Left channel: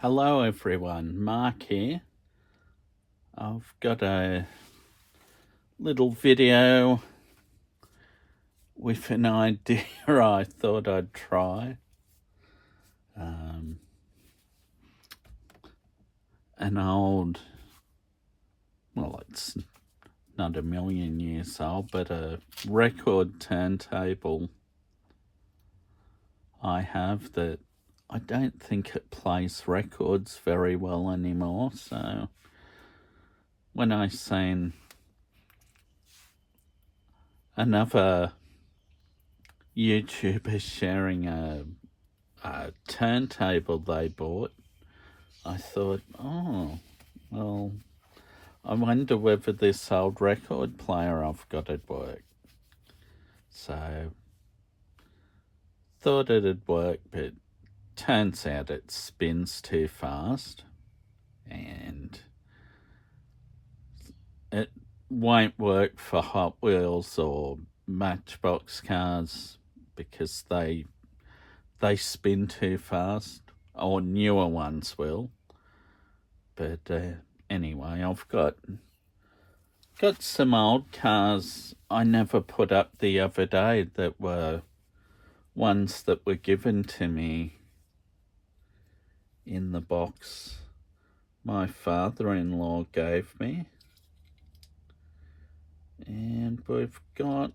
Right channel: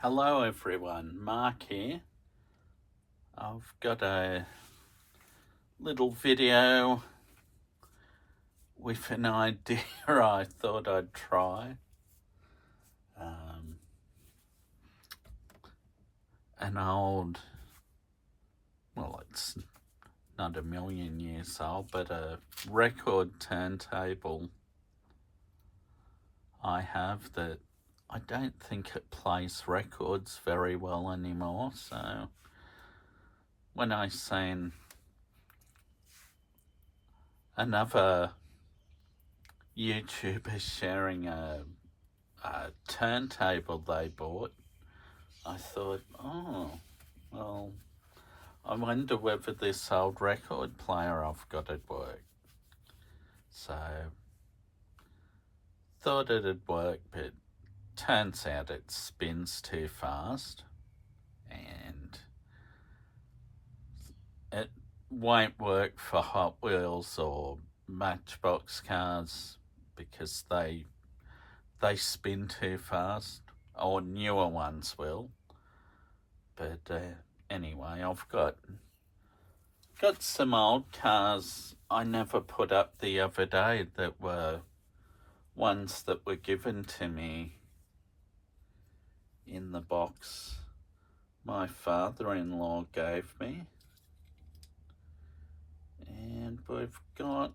Hello everyone, Mark here. I've got a little video with an idea I thought I'd try. An old, well, it's not a million years old, but a record turntable I have that I don't think it plays records very well anymore. So when I seen another YouTuber sharing a turntable they bought, I thought, oh, well, I wonder whether this old record player I've got would work. So, thought it'd work, but turns out it spins too fast and it won't work for Hot Wheels or Matchbox cars because they spin too fast, or newer ones will. But anyway, I've got some old cars I never put up the other day that were ones that were given to me in the box my father-in-law gave me. And we've got,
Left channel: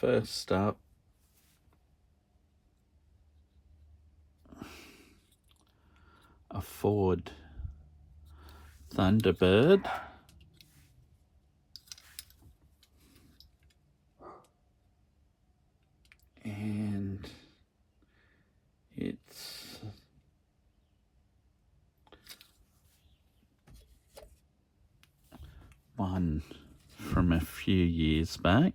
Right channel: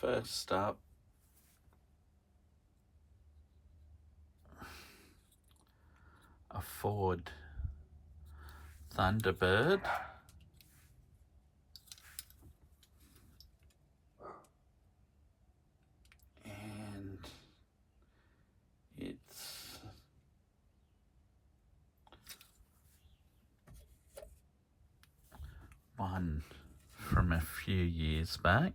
first up, a Ford Thunderbird. And it's one from a few years back.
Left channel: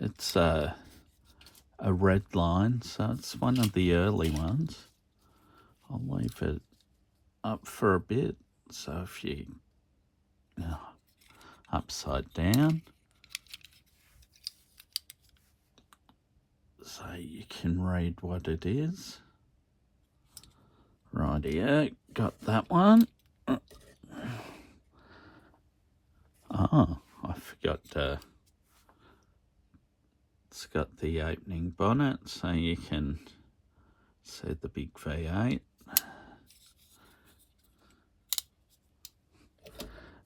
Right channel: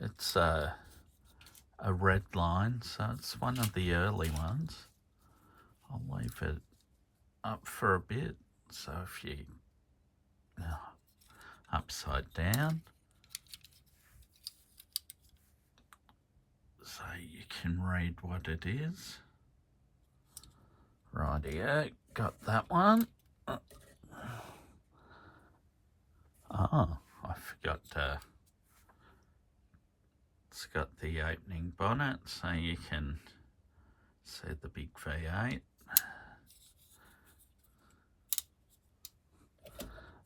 It's a red line, so it's one of the early ones. I'll leave it up for a bit, so if you upside down, so you can read what it is. Rightio, got that one. Oh, I forgot it's got the opening bonnet, so you can see the big V8.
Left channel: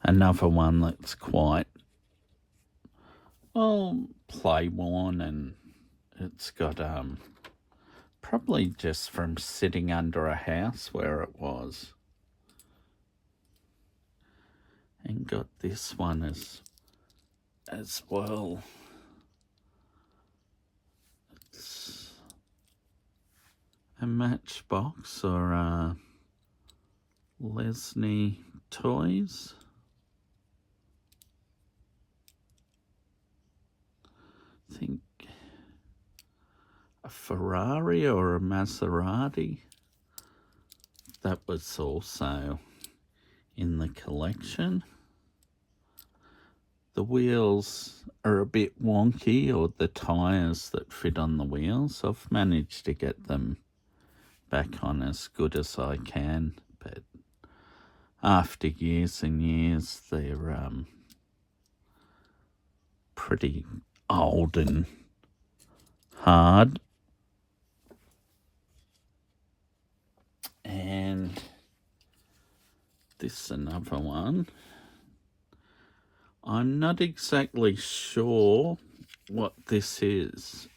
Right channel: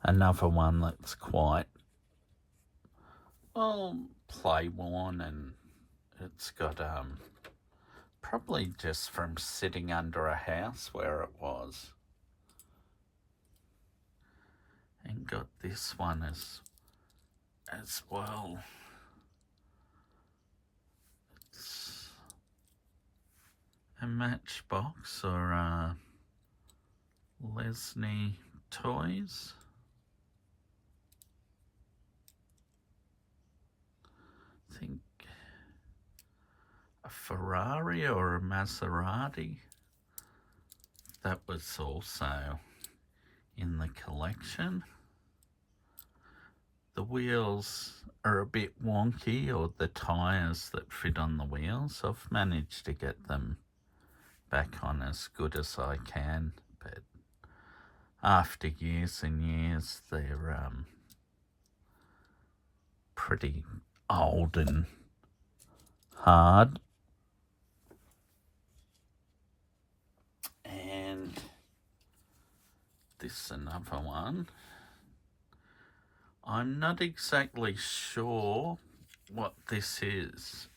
Another one that's quite, well, play worn, and it's got probably just from sitting under a house where it was. And got this one as well. It's a Matchbox or Lesney Toys. I think a Ferrari or a Maserati. That was also in the collection. The wheels are a bit wonky, or the tyres that fit on the wheels. I've managed to get them back on as good as I can, but after years and years, they're pretty old and hard. And this is another one. I'm not exactly sure what this is,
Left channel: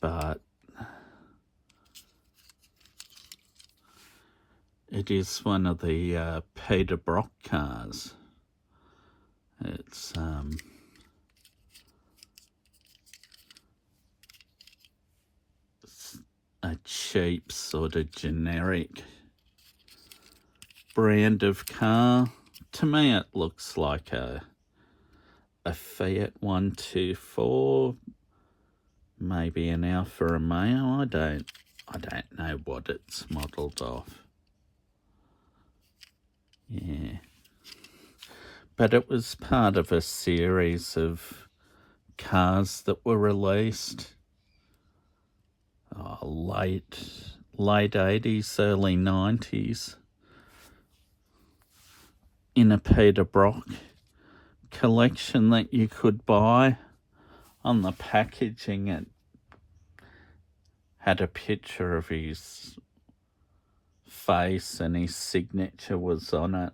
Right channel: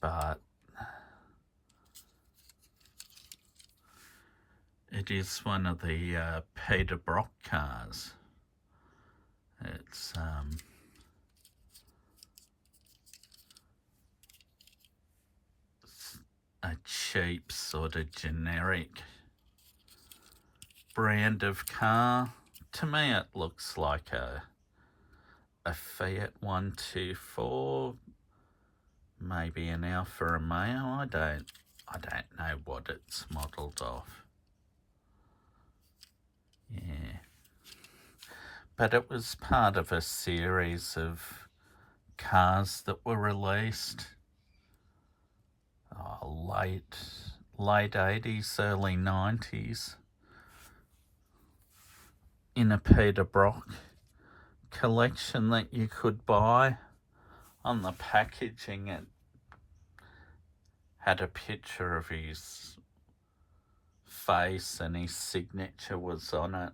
but it is one of the Peter Brock cars. It's a cheap sort of generic brand of car. To me it looks like a Fiat 124, maybe an Alfa Romeo. I don't know what it's modelled off. Yeah, but it was part of a series of cars that were released late 80s, early 90s, in a Peter Brock collection that you could buy. On the packaging, it had a picture of his face and his signature was on it.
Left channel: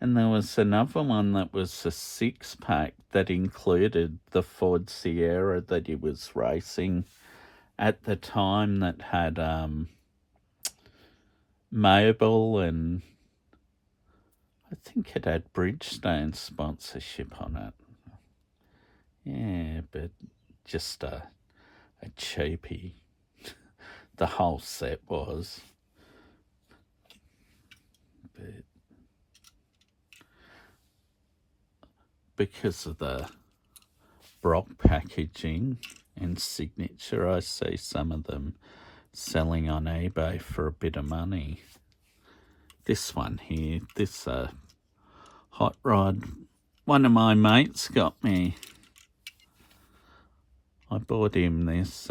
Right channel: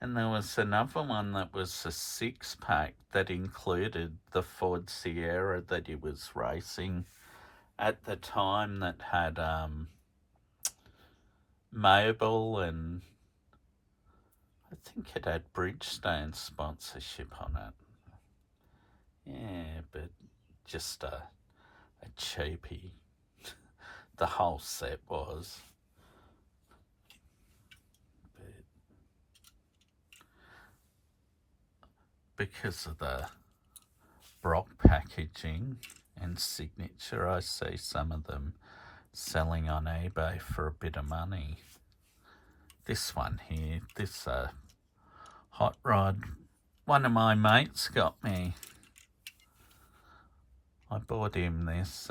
And there was another one that was a 6-pack that included the Ford Sierra that he was racing at the time, that had Mobile, and I think it had Bridgestone sponsorship on it. Yeah, but just a cheapie. The whole set was. But because of the Brock packaging and signature, I see some of them selling on eBay for a bit of money. This one here, this hot rod, one of my mates got me. I bought him this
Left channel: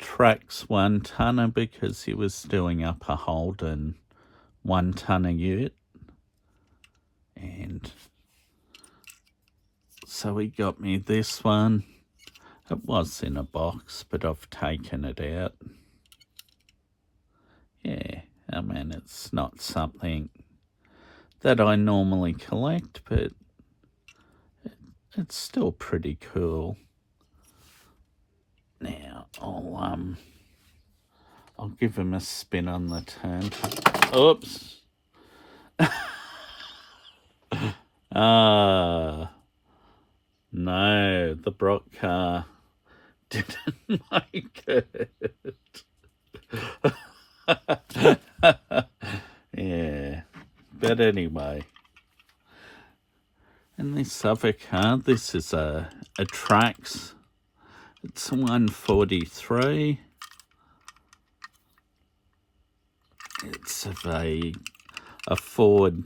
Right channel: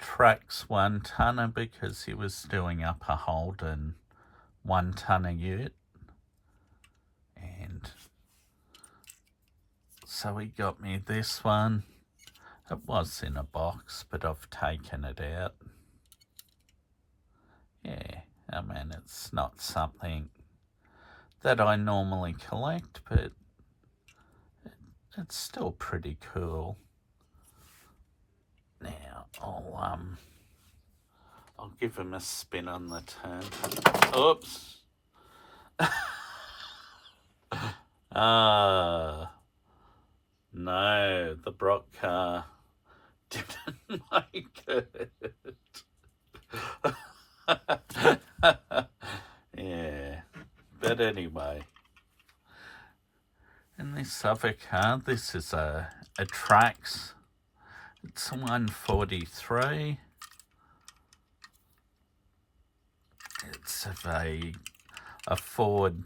Trax 1-tonner because he was doing up a Holden 1-tonner ute, and so he got me this one. It was in a box, but I've taken it out. Yeah, I mean, it's not something that I normally collect, but it's still pretty cool. Now, I'll give him a spin on the turntable. Oops. No, the Brock car didn't make it. Yeah, but anyway. And this other car, this is a Trax. It's a 143. It's of a Ford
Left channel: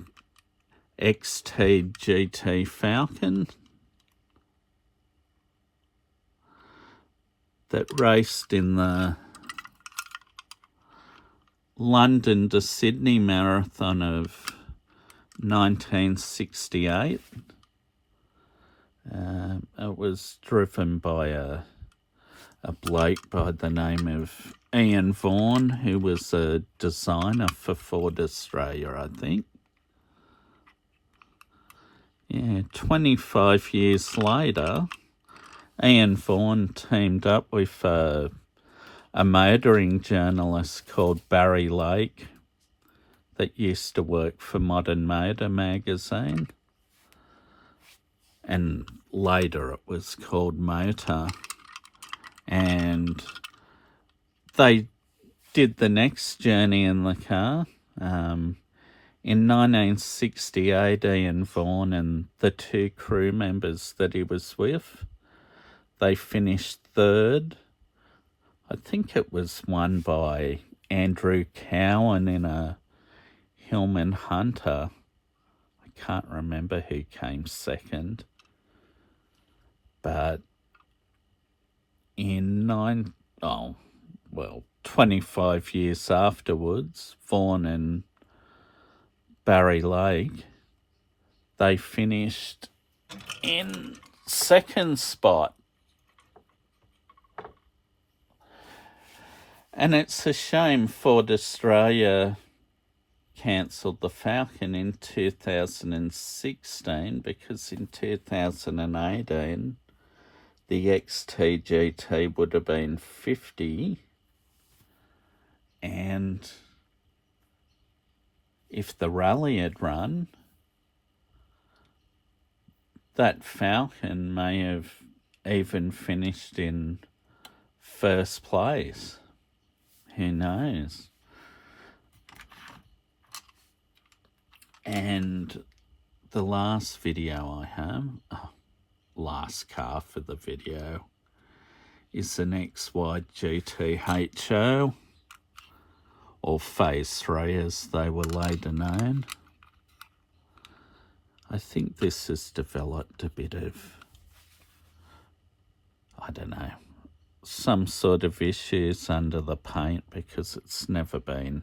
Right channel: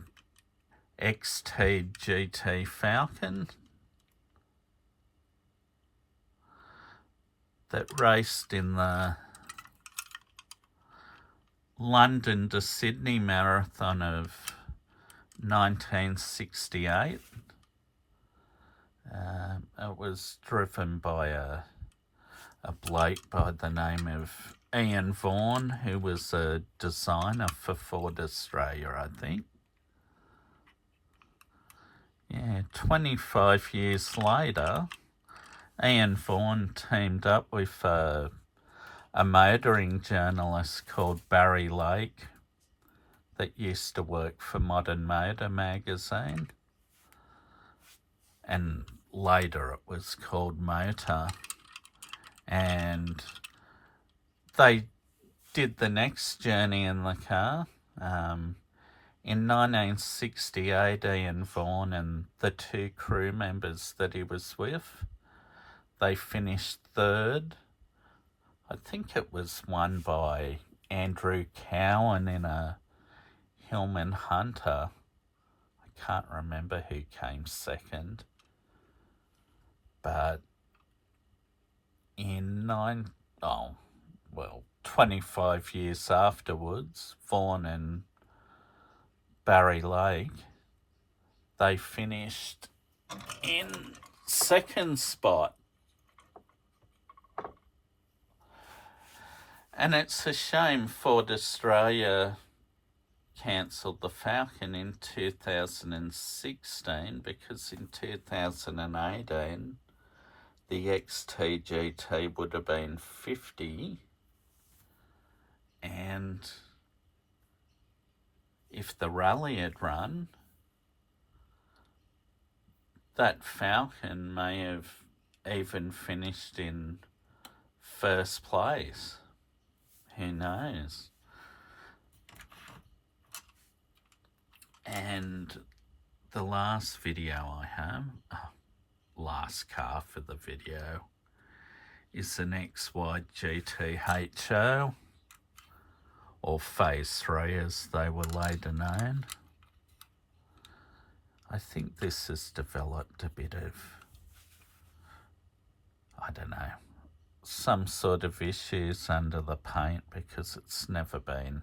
XT GT Falcon that raced in the London to Sydney marathon of 1968. It was driven by a bloke by the name of Ian Vaughan, who was a designer for Ford Australia, I think. Yeah, 25 years later, Ian Vaughan teamed up with a motoring journalist called Barry Lake that used to work for Modern Motor magazine, and later it was called Motor, and they did the next journey in the car. In 1968, Ian Vaughan and the 2 crew members that he was with, they finished 3rd. I think it was won by Andrew Cowan in a Hillman Hunter. I can't remember who came 2nd. But in 25 years afterwards, Vaughan and Barry Lake, they finished in 2nd spot. And it's a shame Ford Australia cancelled the Falcon in 2016, because in 2018 the XT-GT would have been 50, and if the rally had run, that Falcon may have even finished in 1st place. Who knows? And the last video I have, last car for the video, is an XY GT HO, or Phase 3 as they were later known. I think this has developed a bit of, I don't know, some sort of issues under the paint because it's never been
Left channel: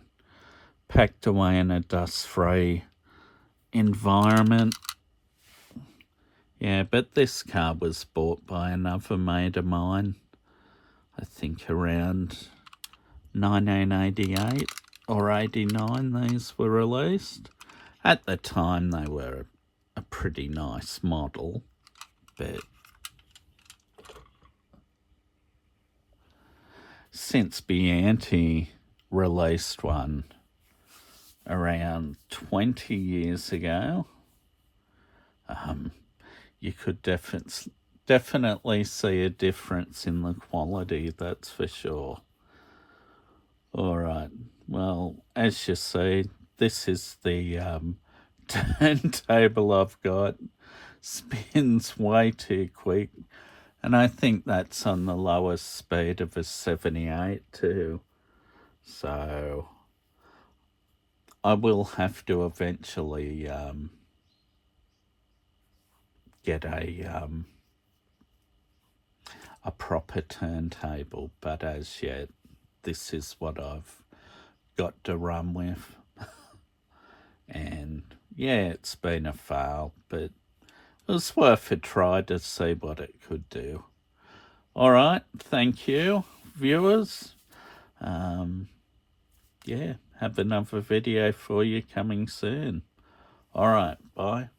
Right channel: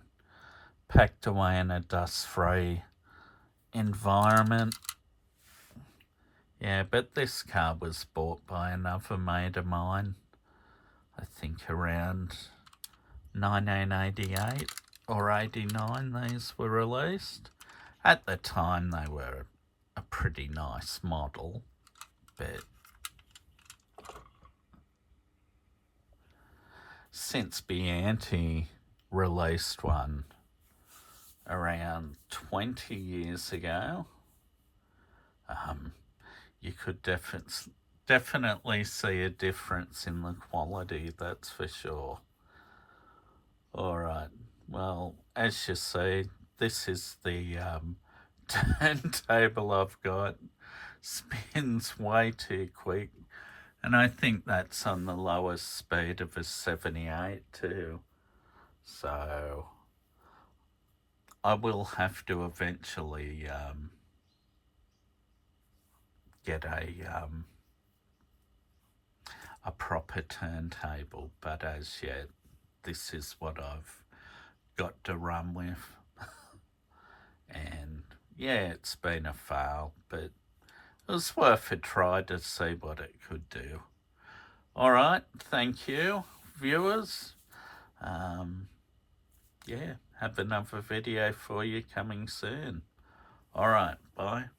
packed away in a dust-free environment. Yeah, but this car was bought by another mate of mine, I think around 1988 or 89 these were released. At the time they were a pretty nice model, but since Bianchi released one around 20 years ago, you could definitely see a difference in the quality, that's for sure. Alright, well, as you see, this is the turntable I've got. Spins way too quick, and I think that's on the lowest speed of a 78 too. So I will have to eventually get a proper turntable, but as yet this is what I've got to run with. And yeah, it's been a fail, but it was worth a try to see what it could do. Alright, thank you, viewers. Yeah, have another video for you coming soon. Alright, bye.